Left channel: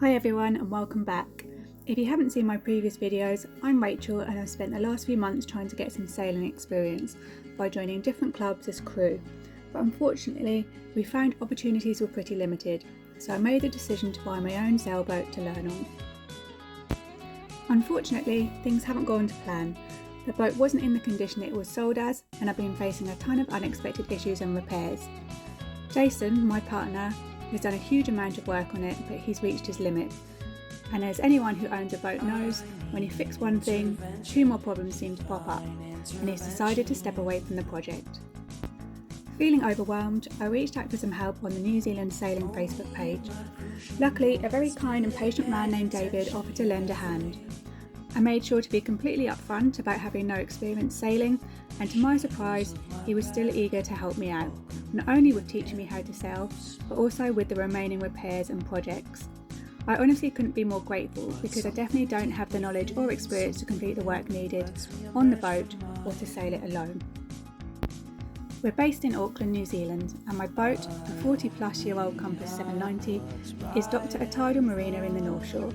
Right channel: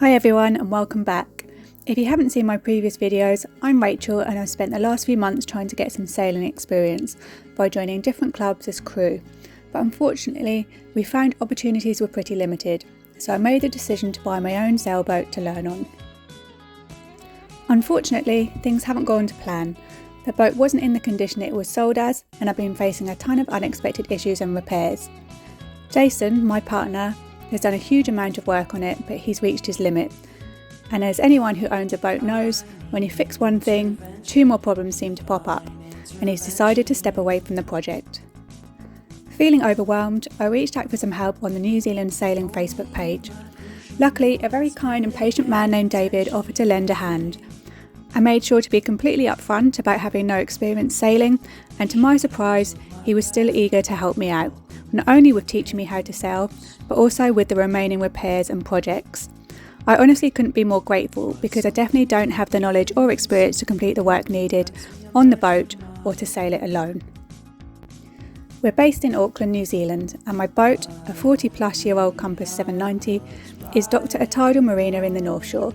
Hi everyone and welcome back. If you haven't seen my previous videos, I'm Rachel and I've spent the last few months trying to get some sailing experience by joining different clubs as crew. But unfortunately, we found opportunities were pretty limited, so I made the decision to buy my own sailboat to learn on. Unfortunately, things haven't gone to plan. The boat wasn't in the condition it was sold as, and I've been facing a ton of unexpected issues and repairs. Jason, my partner, has done a huge amount of work on it, but he's reached his limit. And as anyone who owns a boat knows, when you fix one thing, two more problems seem to pop up, and he's decided to step away from the project. Feeling overwhelmed, I reached out for some help on the New Zealand Sailing Facebook page. Luckily, a very kind and patient man named David offered to lend a hand. I made sure to be completely upfront about having no experience sailing, and to my surprise, he was still eager to help me out, not only with teaching me how to sail, but also with the remaining repairs and projects. I honestly couldn't be more grateful because I definitely don't have the knowledge or experience to complete the work needed on the boat or to sail it alone. We're based in Auckland, New Zealand, and my boat, a 40-plus-year-old Compass 790, is docked at a tidal marina in the North Shore.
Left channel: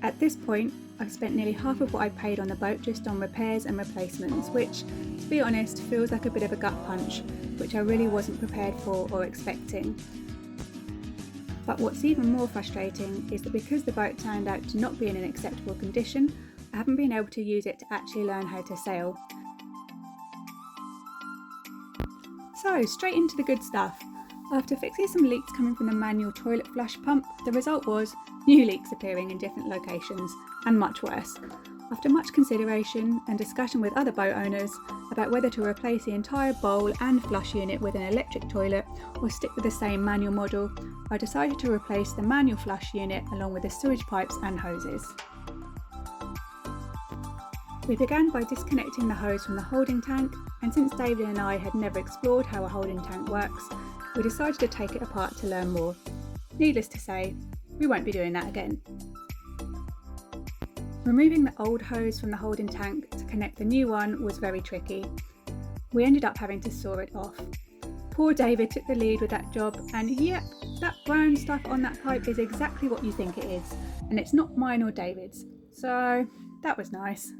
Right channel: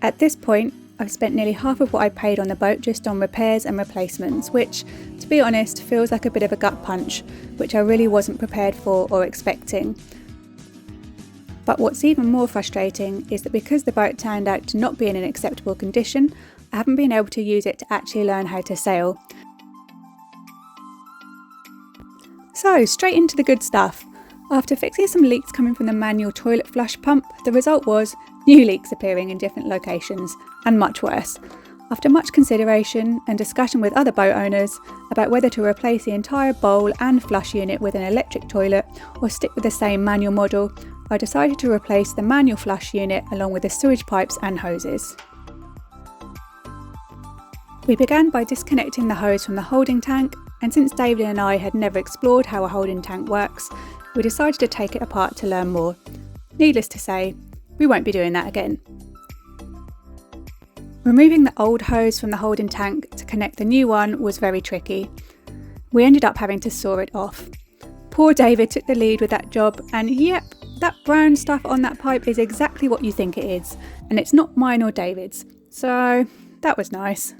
At this point, I've spent nearly half of what I paid on the boat just on repairs and replacements, which, to be honest, feels like a bit of a gut punch, which I really wasn't prepared for or expecting. But what's even more frustrating is that because the boat turned out to not be in an acceptable condition, I haven't been able to use it to actually learn how to sail. So, straight into the good stuff. After fixing some leaks coming from the manual toilet flush pump, the result was new leaks appearing in different locations, and much worse. After much consideration and discussion with other boat owners about whether to replace the entire bowl and flush unit with an electric toilet or stick with the same manual model, I decided to replace the manual flush unit along with the sewage pipes and hoses. We began by disconnecting the hose from the holding tank, and since David and I had never explored how a holding tank works, we decided to take it apart to learn more. Needless to say, we won't be doing that again. Removing the old hose from the holding tank to connect the new one was very tricky. We ended up having to saw it off. Poor David took the lead with that job, and yep, that brown stuff on that pipe is exactly what you think it is, and it's not mine or David's, so that was nice.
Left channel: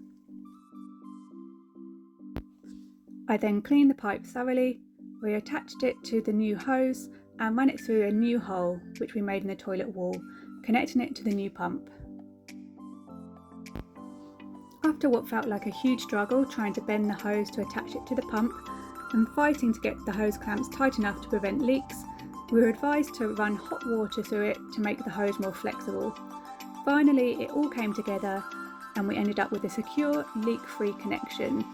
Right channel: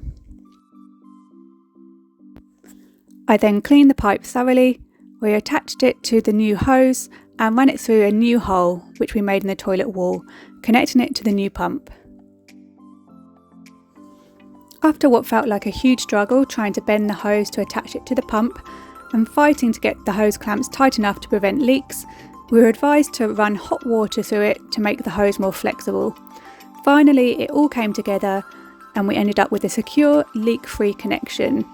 I then cleaned the pipe thoroughly, reattached it to the new hose and ran it through a new hole which we made in the toilet wall, connecting it to the new pump. After what felt like a huge struggle trying to bend the hose to attach it to the pump and fighting to get the hose clamps tight enough to prevent leaks, we were advised to run hot water through it to make the hose more flexible. Finally, it all came together and we ended up with a secure, leak-free connection.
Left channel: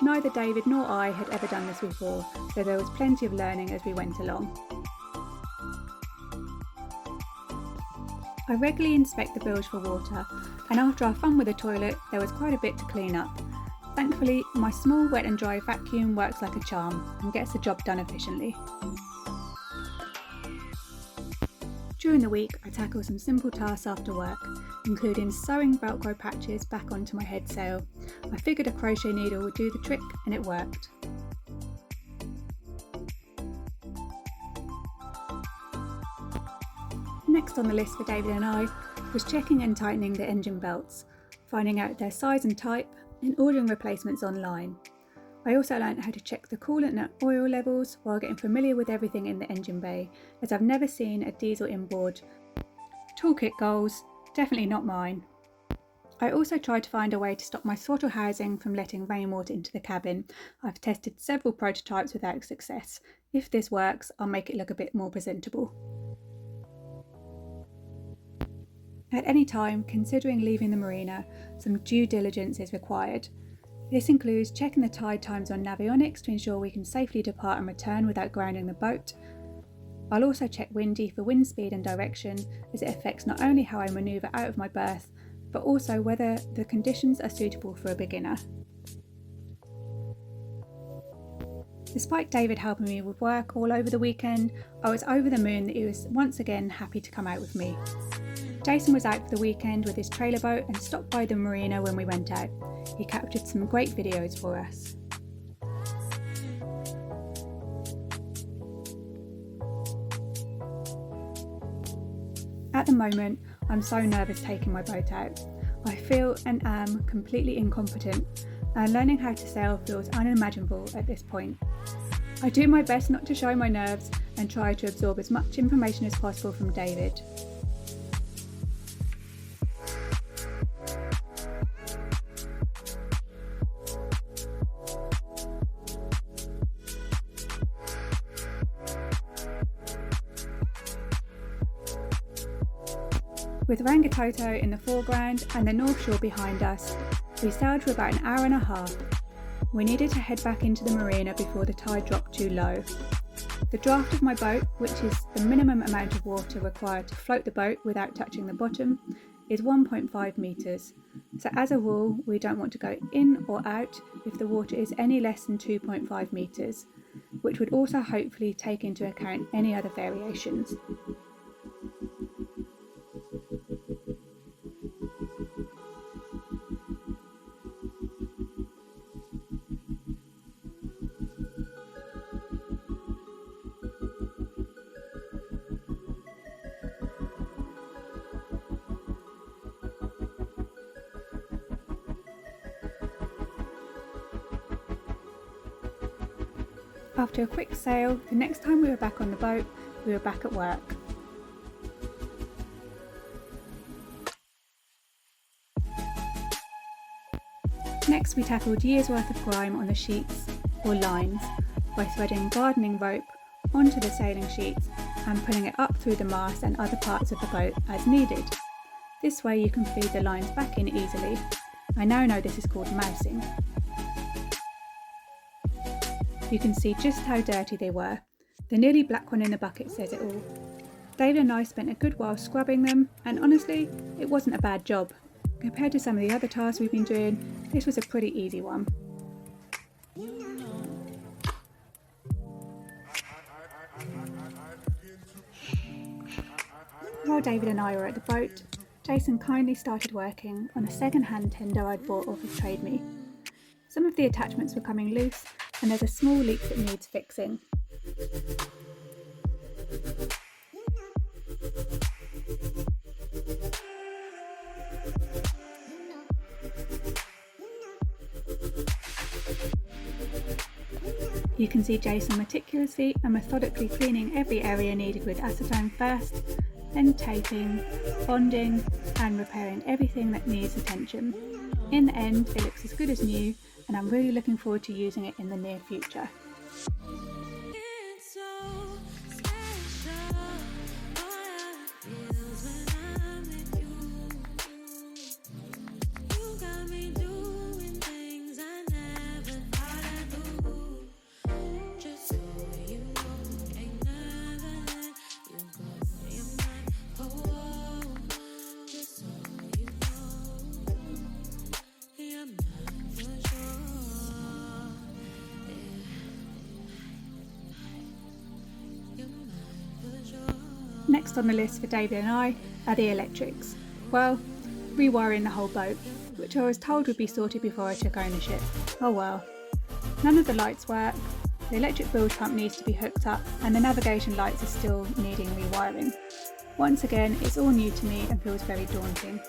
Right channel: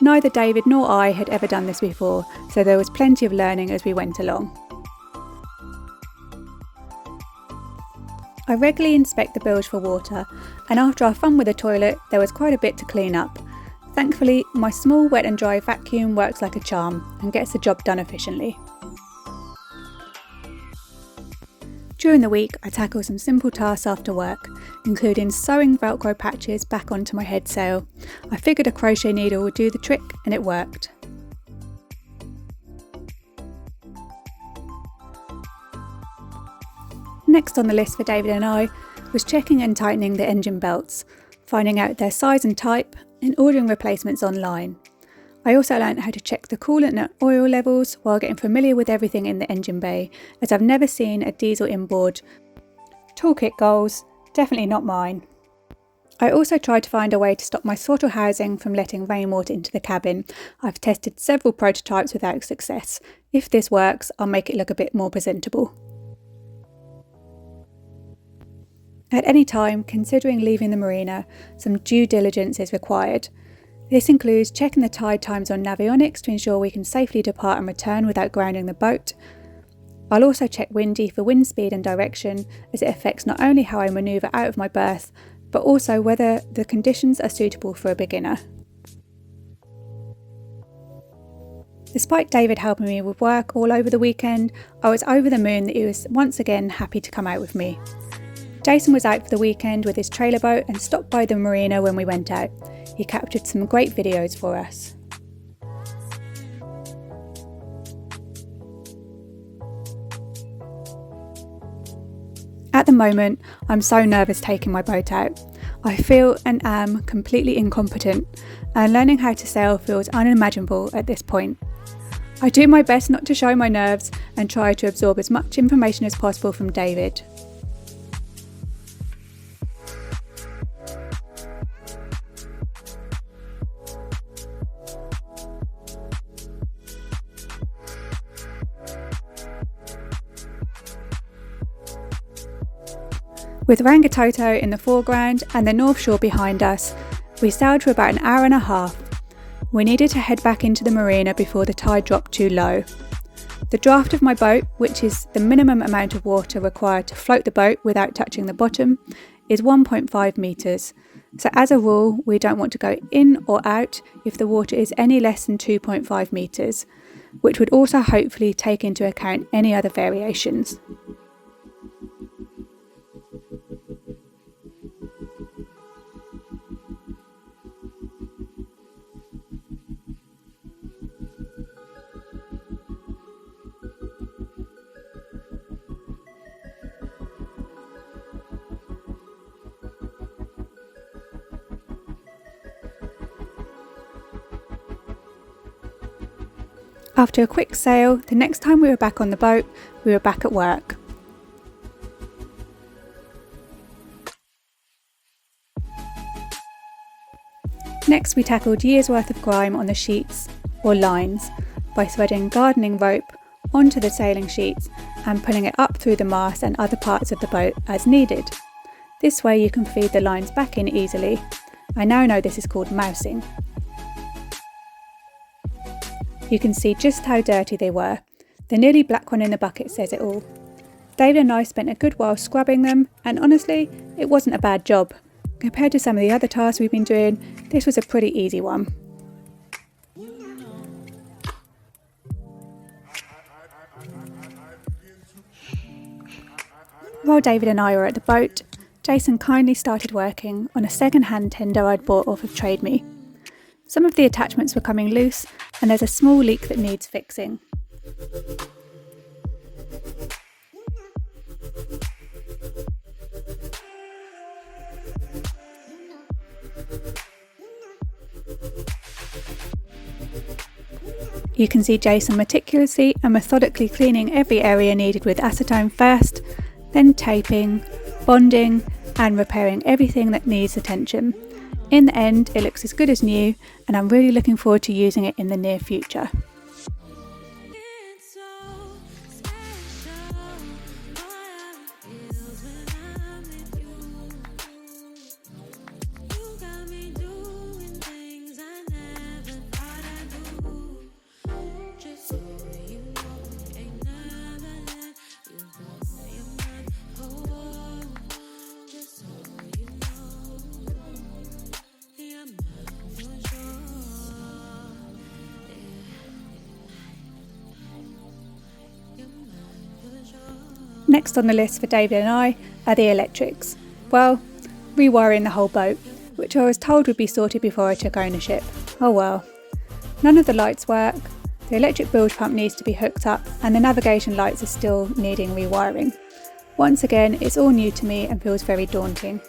Neither David nor I had ever done this before, so there was plenty of learning as we went along. I regularly inspect the bilge for water, and after our fun with the toilet, there was quite a bit to clean up. Thankfully, my small wet and dry vacuum works like a charm and gets the job done efficiently. During the week, I tackle some simple tasks after work, including sewing Velcro patches back onto my head sail. I figured a crochet needle would do the trick, and it worked. Next on the list for David and I was checking and tightening the engine belts, finding out their size and type, and ordering replacements online. I also learned how to check the coolant and oil levels while getting familiar with everything in the engine bay, as I've never seen a diesel inboard. Toolkit goals, definitely not mine. I also tried to find a way to stop my throttle housing from letting rainwater into the cabin. I've tested several prototypes without success. If this works, I'll make it look a bit more presentable. At any time, considering leaving the marina, some due diligence is required. This includes checking the tide times on Navionics to ensure we can safely depart and return without grounding the boat. I'll also check Windy for wind speed and direction, as it affects not only how I manoeuvre out of my berth, but also whether the conditions are suitable for a beginner. Despite David helping me with work all over the weekend, I was over the moon that he was once again happy to come out with me. Jason was out for the weekend with his trailer boat and stopped by the marina when we went out. He captured some great videos for us. At the moment, I'm so nervous taking my boat out. I feel and am completely incompetent, and learning how to sail feels unimaginable at this point. I do my best not to show my nerves and try to absorb as much information as possible from David. With Rangitoto in the foreground and the North Shore behind us, we sailed for about an hour and a half. We needed to head back into the marina before the tide dropped too low. The draft of my boat, which is the minimum amount of water required to float the boat without touching the bottom, is 1.5 metres. So as a rule, we don't want to go in or out if the water is any less than 2.5 metres, which would also hopefully take into account any other variations. After a quick sail, the next time we were back on the boat, we were back at work. Next, we tackled years' worth of grime on the sheets, or lines, by threading gardening rope onto the sailing sheets and pulling it up through the mast and other parts of the boat as needed. This way you can feed the lines back in easily. I now know this is called mousing. You can see just how dirty they were. The nearly black one in the bucket says it all. David and I spent a good while scrubbing them, and honestly, it wasn't a bad job. Compared to some of the other tasks we've been doing, this was a pretty easy one. While David and I were at the boat, Jason kindly started working on a second-hand tender I'd bought off of Trade Me. Some of the attachments were coming loose, and there's a small leak that needs fixing. You can see Jason meticulously and methodically cleaning every area needed with acetone first, then taping, bonding, and repairing everything that needs attention. In the end, it looks as good as new, and I'm really looking forward to using it in the near future. Next on the list for David and I are the electrics. Well, rewiring the whole boat, which I was told would be sorted before I took ownership. Oh well. None of the lights work, the electric bilge pump needs to be hooked up, and the navigation lights are still needing rewiring. Once again, it's all new to me and feels very daunting.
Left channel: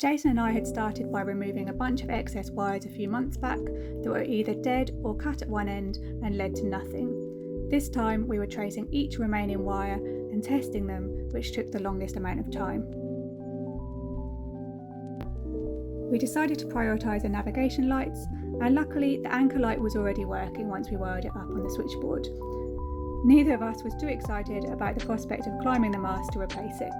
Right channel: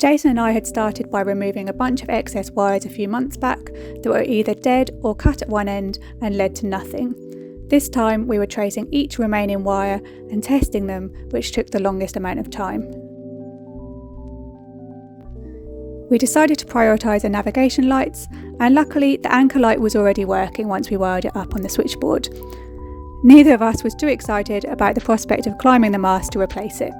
Jason and I had started by removing a bunch of excess wires a few months back that were either dead or cut at one end and led to nothing. This time we were tracing each remaining wire and testing them, which took the longest amount of time. We decided to prioritise the navigation lights, and luckily the anchor light was already working once we wired it up on the switchboard. Neither of us was too excited about the prospect of climbing the mast to replace it.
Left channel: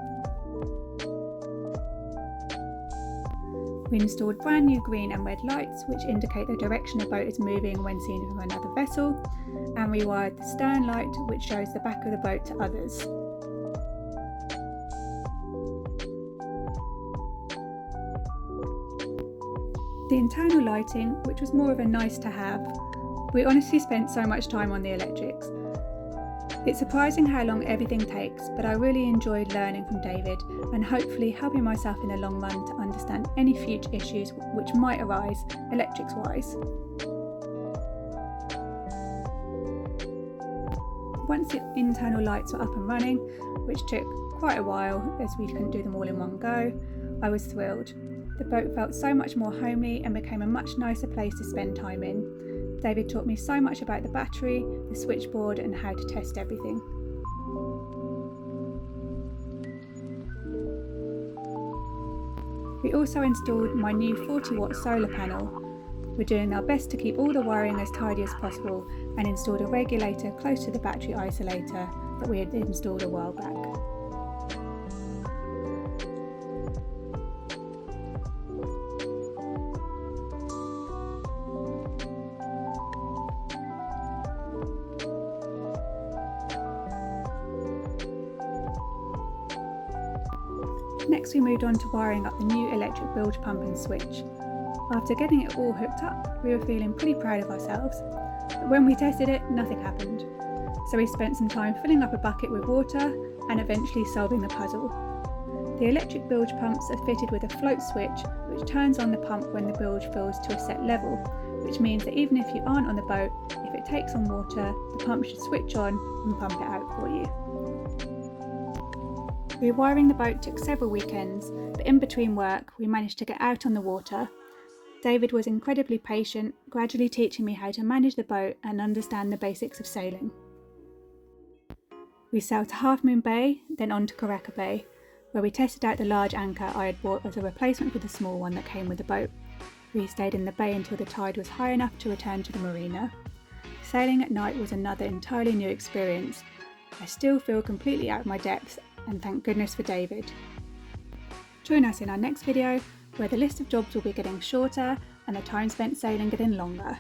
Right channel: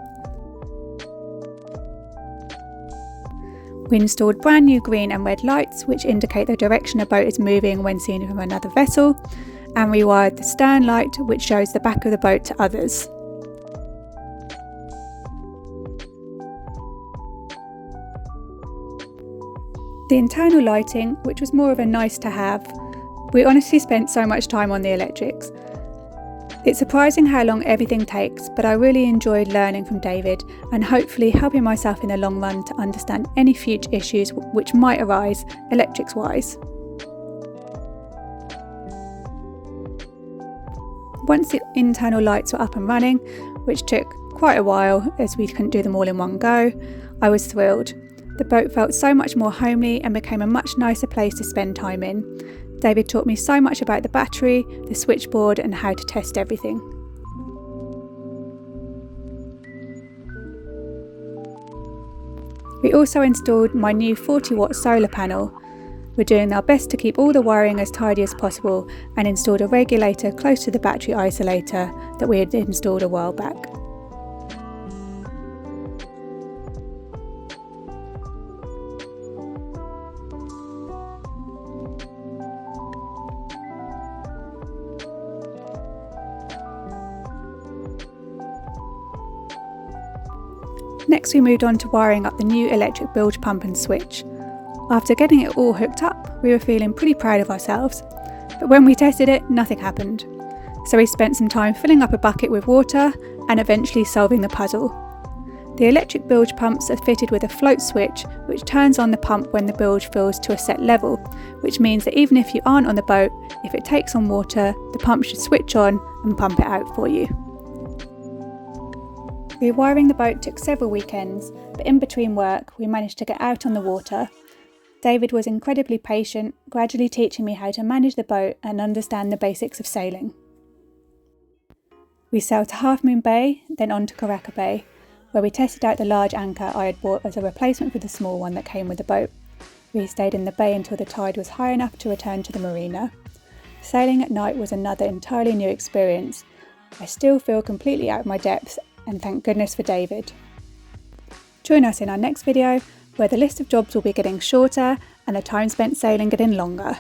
We installed brand new green and red lights, which indicate the direction a boat is moving when seen from another vessel, and rewired the stern light, which shows the back of the boat to others. The internal lighting, which was more of a nice to have, we honestly spent so much time on the electrics. It's surprising how long everything takes, but I really enjoyed learning from David and hopefully helping myself in the long run to understand any future issues which might arise electrics wise. Once the internal lights were up and running, which took quite a while as we couldn't do them all in one go, I was thrilled. The boat felt so much more homely and became a much nicer place to spend time in. David taught me so much about the battery, the switchboard and how to test everything. We also installed my new 40-watt solar panel. We're doing our best to keep all the wiring as tidy as possible and installed a regulator close to the battery isolator that we had installed a while back. Next we moved on to wiring up the new electric bilge pump and switch. After getting it all hooked up, we were feeling pretty proud of ourselves, but when we tested it, nothing happened. So we spent some time filling up a bucket with water and eventually solving the puzzle. The electric bilge pumps are fitted with a float switch which turns on the pump when the bilge fills to a set level, which means that even if you aren't on the boat, if it takes on water, the pump should switch on and pump it out for you. Rewiring the boat took several weekends, but in between work we managed to get out on the water. David was incredibly patient, gradually teaching me how to manage the boat and understand the basics of sailing. We sailed to Half Moon Bay, then on to Karaka Bay, where we tested out the large anchor I had bought as a replacement for the small one that came with the boat. We stayed in the bay until the tide was high enough to return to the marina. Sailing at night was another entirely new experience. I still feel completely out of my depth, and thank goodness for David. Join us in our next video, where the list of jobs will be getting shorter and the time spent sailing getting longer.